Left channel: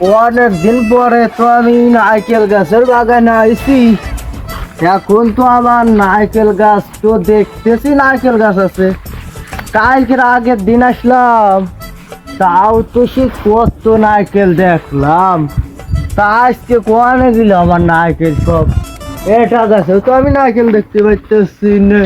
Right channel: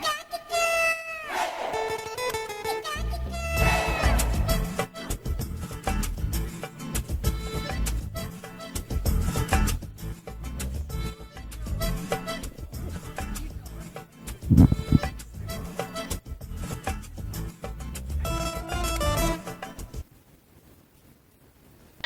অনেক দিন পরে তো আমি নারকেল গাছের বাগানে আইছি। এখন তো আমার নারকেল গাছ তো দেখতেছি নারকেল গাছ আছে। কালকের আগের দিন আসলাম, তাও তো সে কত নারকেল দেখলাম। তা আজকে কোয়ানে গেল আমার নারকেল সব। এটা গাছে তো আমি নারকেল দেখতে পাইতেছি না।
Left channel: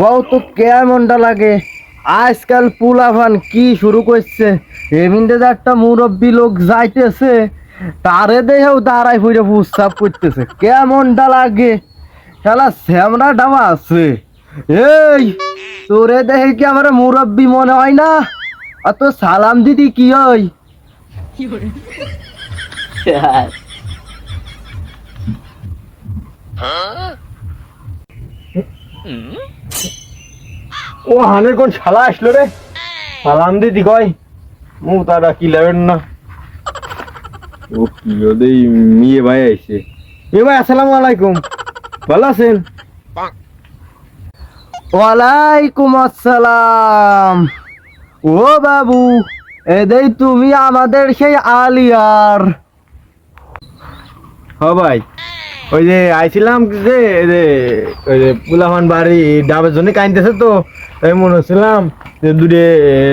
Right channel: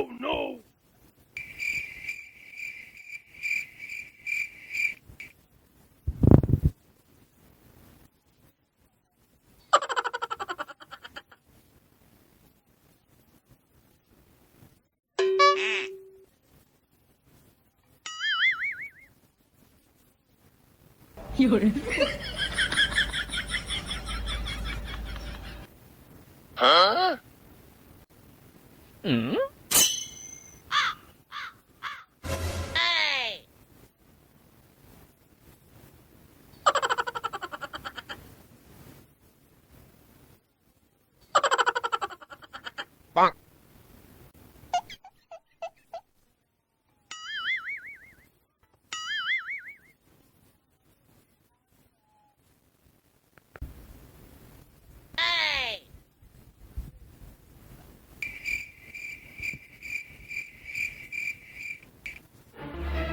কত কেমনটা লাগে আজকাল পোলাপান কি শুরু করছে। এমনিতে যে একটা মুরব্বী লোক যাইতেছে, তারে দেখেও দাঁড়াই ফুটে প্রস্তাব করতেছে, কেমনটা লাগে। শালা শ্যামরা ডাবা আছে। এই তোরে দেখে কি আমার মুরব্বী মনে হয় না? আর তো সালাম দিদি কি হয়? ও হানের কোন শালা আসলো রে, সালাম দিদি কয়। মু তারা কি লাগেন না। ও কি ওদের মেয়ে ভাই আইছে। এ ভাই আসসালামু আলাইকুম, ভালো আছেন? ওয়ালাইকুম আসসালাম। ও বাবু, এদেই তুমি আমাদের সেই আলিয়ার? হ ভাই, ওই যে আইছিলাম যে ওই যে পুলাহান বাড়ি ডাবের জন্য কাইনতেছে, তো তাই মনে হচ্ছিলাম যে দূরে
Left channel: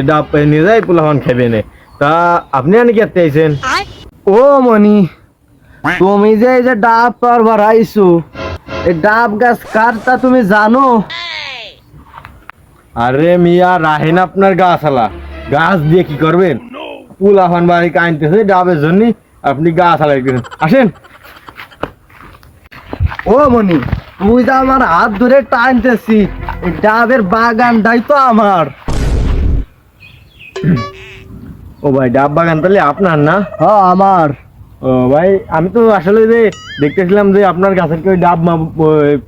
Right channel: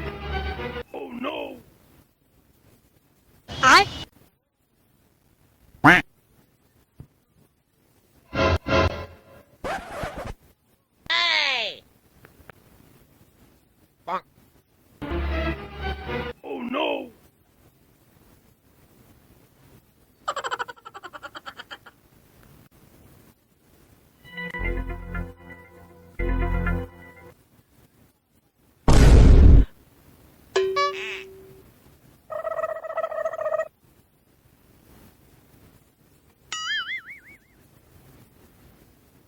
ডাব নিয়ে যাই, পুলাহান খাবে নে। তা আপনি আনি কি আইছেন? ও মনি, তুমি যে এই যে ডাব পারবার আইছো, এই ডাব গাছ কারটা তুমি জানো? আরে মিয়া রাহেন, আপনার গাছ আলা গাছ দিয়ে কি করবেন? পুলাহান বাড়ি কাইনতেছে ডাবের জন্য, আপনি গাছ আলাই আসেন। ও মনি, তুই তো আমার হাত ধরে টানতেছি, ডাবের বাগানটাই তো আমার। ও ভাই, ডাব বাগান তাহলে আপনার না? হ্যাঁ আমার। ও ভাই, আমি তো আসলে যে দেখতেছিলাম যে আপনার গাছের কেউ ডাব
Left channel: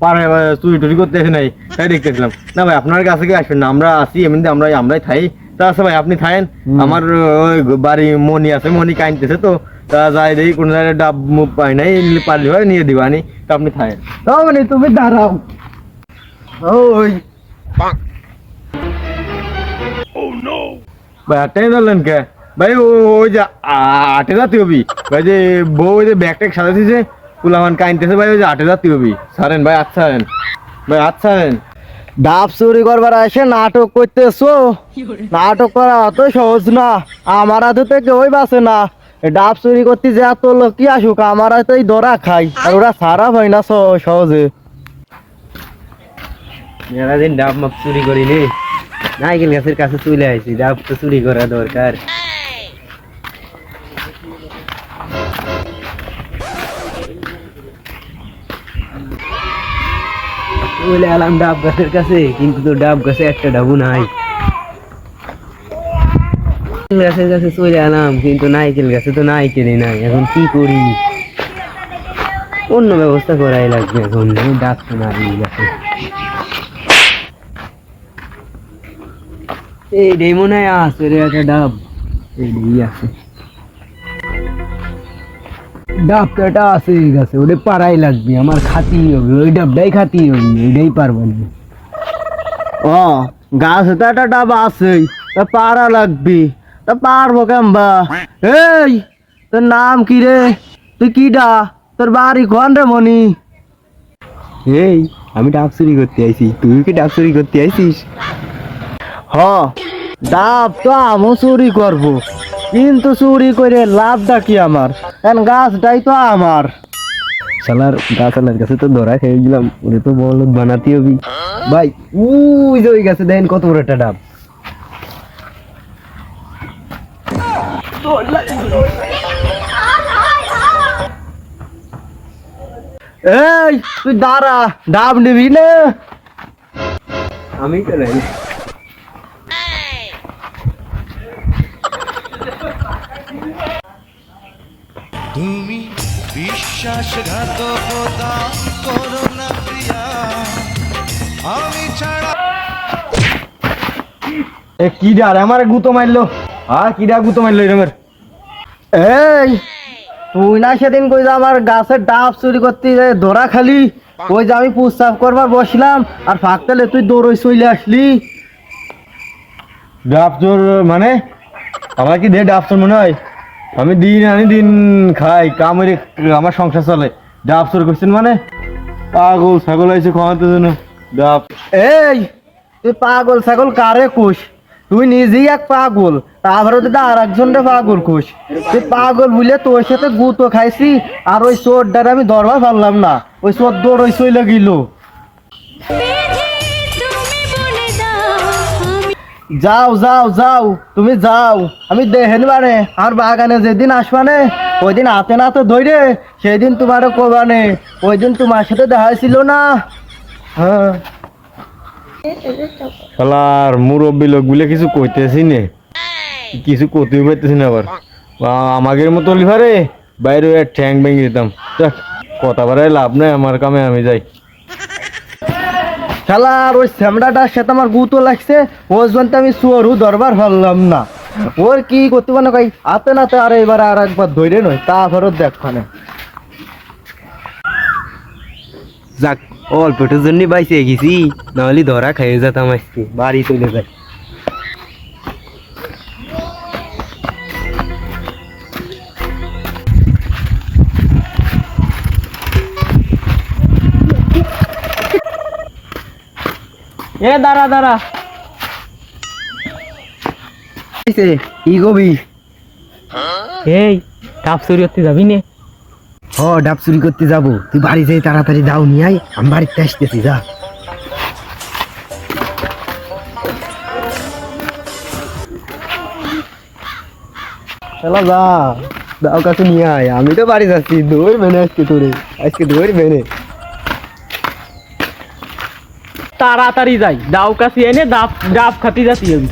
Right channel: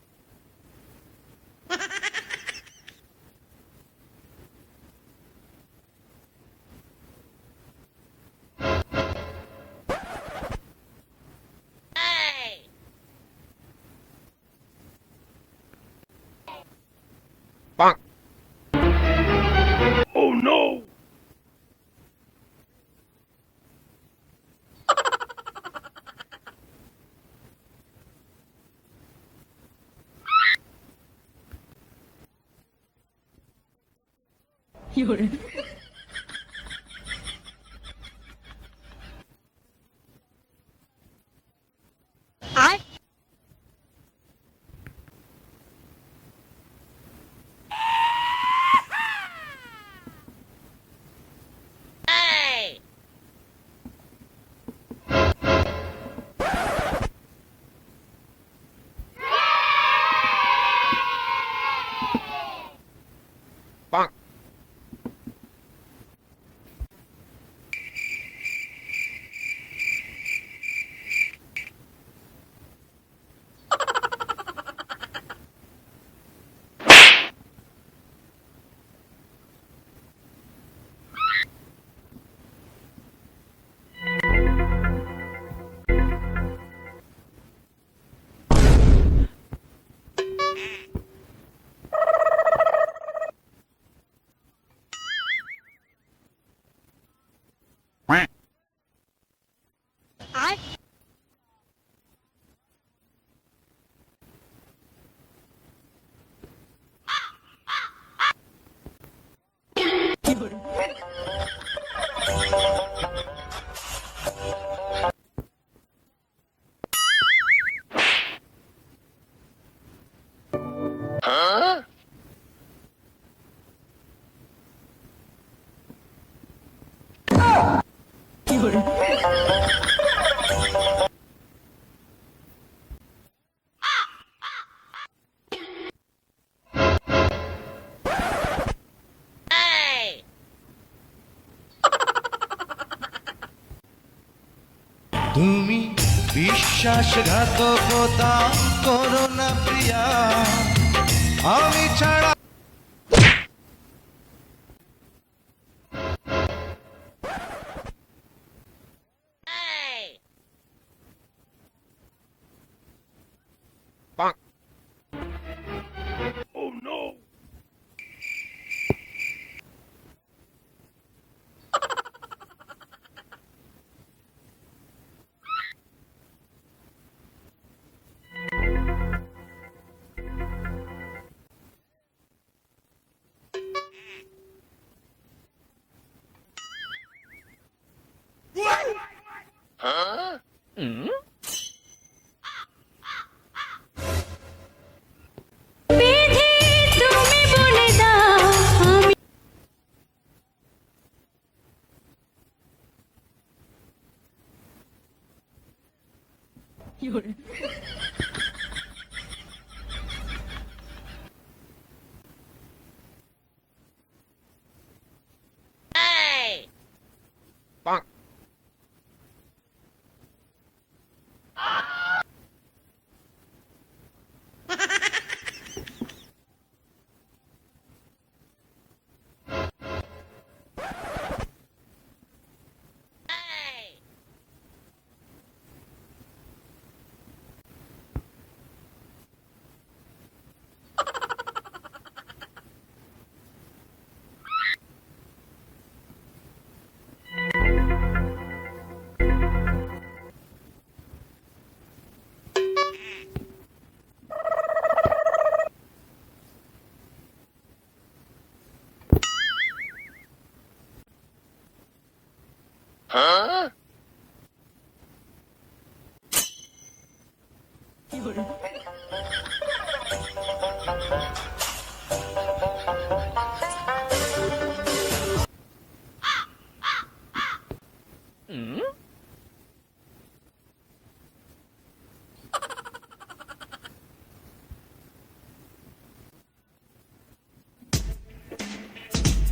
পাড়ায় চুরি টুরি করতে আসে নাই, তাই দেখতেছিলাম। না ভাই, আপনার কাছে কি আসবেন না, আমরা আসি এমনিতে, আমরাই থাই। তা আছে ভাই, আপনি থাকেন। আমার ওই বাড়ি মনি আছে, মনি কাইনতেছে, তো তা যাই দেখি কোন জায়গায় ডাব পাই নাই, পারলি হয় নিয়ে দিবানি। তা আপনি থাকেন। মানে তুমি দাঁড়াও। ওই ভাই আটটাই ধরলেন কে ভাই? ওই যে আটে রাতি হবি ভাই, যে বউ ওই যে ব্যাগ ট্যাগ সাজাতেছে, পুলামান কাইনতেছে ভাই, ওই যে আটে রাতি হবি। সারেন ভাই, আচ্ছা ভাই, আচ্ছা। ডাব চুরি করবার এসে নাটক করতেছো? নাটক করা অত সহজ না, আমার হাতে তো কেউই বাঁচে না। ডাব চুরি করতে যে এত লোক কি আসুক, আমার হাতেই ধরা খাই, আর ওরা সারা হয় না সহজে। মেলাদিন ডাব মাপ চুরি করিনি, নাইকেল গাছের কাছে চলে আসি, ডাব তো চুরি করা দরকার। চলে এলাম ডাব গাছের কাছে, কিন্তু তো ডাব গাছে একটা ডাবু নাই। গাছের কাছে চলে এলাম, কিন্তু নাইকেল গাছে তো নাইকেলই নাই। এখন কি করি? অন্য ব্যবস্থা করাই লাগবে এখন, ডাব তো নাই গাছে। এই মনে হয় আছে রে একটা ডাব, এই আছে ডাব, তো এটা আছে এই গাছে, ওটা পারাই লাগবে, আমার খাতেই হবে, ওই ডাবটাই খাতেই হবে, ওইটাই পারবো না। ও, গাছে তো একটা ডাব আছেই, তা পারা লাগবি। তা পারবো কেমবা? এই, তোর নাম কি রে? তুই কি ডা? তোর বাড়ি কোন রে মনি? এই আমি ডাব চুরি করতে আইছি, তুই কি ডাব চুরি করতে আইছিস? হ, ডাব তো আমিও চুরি করবো, কিন্তু চুরি করে লাভটা কি আমার? কারণ গাছটাই তো আমার। শালার গাছালার কাছে তো ধরা খেয়ে গেলাম, ওরে তো বলদ বানাতে হবি। ভাই ওই যে ওই গাছে দেন কত বড় একটা ডাব। এই তুই দাঁড়া, ডাব নিবি না? আমি তো নাই। তুমি বিশ্বাসঘাতকতা করো না প্রিয়া, আমি ছাড়া। এ কি ডার আমার গুতো মারলো? কি ডা গুতো মারলো এরমের? এই তুই না সেদিন কই যে আমার গাছের ডাব চুরি করতে ধরা খালি, ওই যে আমি প্রস্তাব করবার বসলাম আর ফাঁকতালে তুই দৌড়ই চলে আসলি। ডাব চোর মানে আমার কি দিয়ে ডাব চোর মনে হয়? আমি দিন আনি দিন খাই কামের আমার সংসার চলে, ডাব চোর করছেন মানে? পাগল ছাগল আছে খাওয়াতে জন্য ডাব। এই তুই পাগল ছাগল কারে কুশ? তুই নিজেই এক পাগল, তারপরে তো আর একজনটা পাগল কুশ। তুই পাগল বুঝলে তোর সাথে গুতো খাইছি আর ওই চোরটার আমি ধরবার পারলাম না, ওই চোর দৌড়ই চলে গেল। যাও যাও যাও তুমি যাও, আমি দেখেন মানে আর বাগানে যেদিন আসবানে ওই দিন হাতে নাতে ধরে সেই দিন তোমার কোবানে, ওই দিন তোমার সাথে দেখা ছিল না। হ্যাঁ শালার মুরব্বী লোক বলে কিছু কইতেছি নে, কিছু করতে পারতেছি না। আবার আমাদের মতো লিভারে বাইরে ঠ্যাং ভেঙে দিতাম। যাক, কথা বাড়ায় লাভ নাই, আমার কামে আমি যাই। শালার ওই স্যামড়াটার সাথে আমার গুতো লাগছে, ওই জন্য আমি চোরু ধরবার পারলাম না। ওর কি করতে পারে কই হাতে নাতে আর এবার আর একবার ধরে নয় তারপরও দেখখানে। যাক অল্পটার জন্য বাইসে গেছি, নাহলে ধরা খেয়ে যেতাম আজকে, বাড়ি চলে যাই। এ দাঁড়া দাঁড়া, কি কবি? এই ডাব চুরি করতে যাবি নে? ও ডাব চুরি করতে যাবো, তুই বাড়ি যাই তাড়াতাড়ি দাও নিয়ে আয়, আমি বাড়িতে আসতেছি। যা চলো যা, দাও কাছে নিয়ে আয়, আমি তো বাড়ি যাচ্ছি। দৌড় মেনে আজকে তোরে, আজকে দৌড় মেনে। তাড়াতাড়ি যাই, ডাব কাছি এনে ডাব ডাব খাতি যাচ্ছি আমি।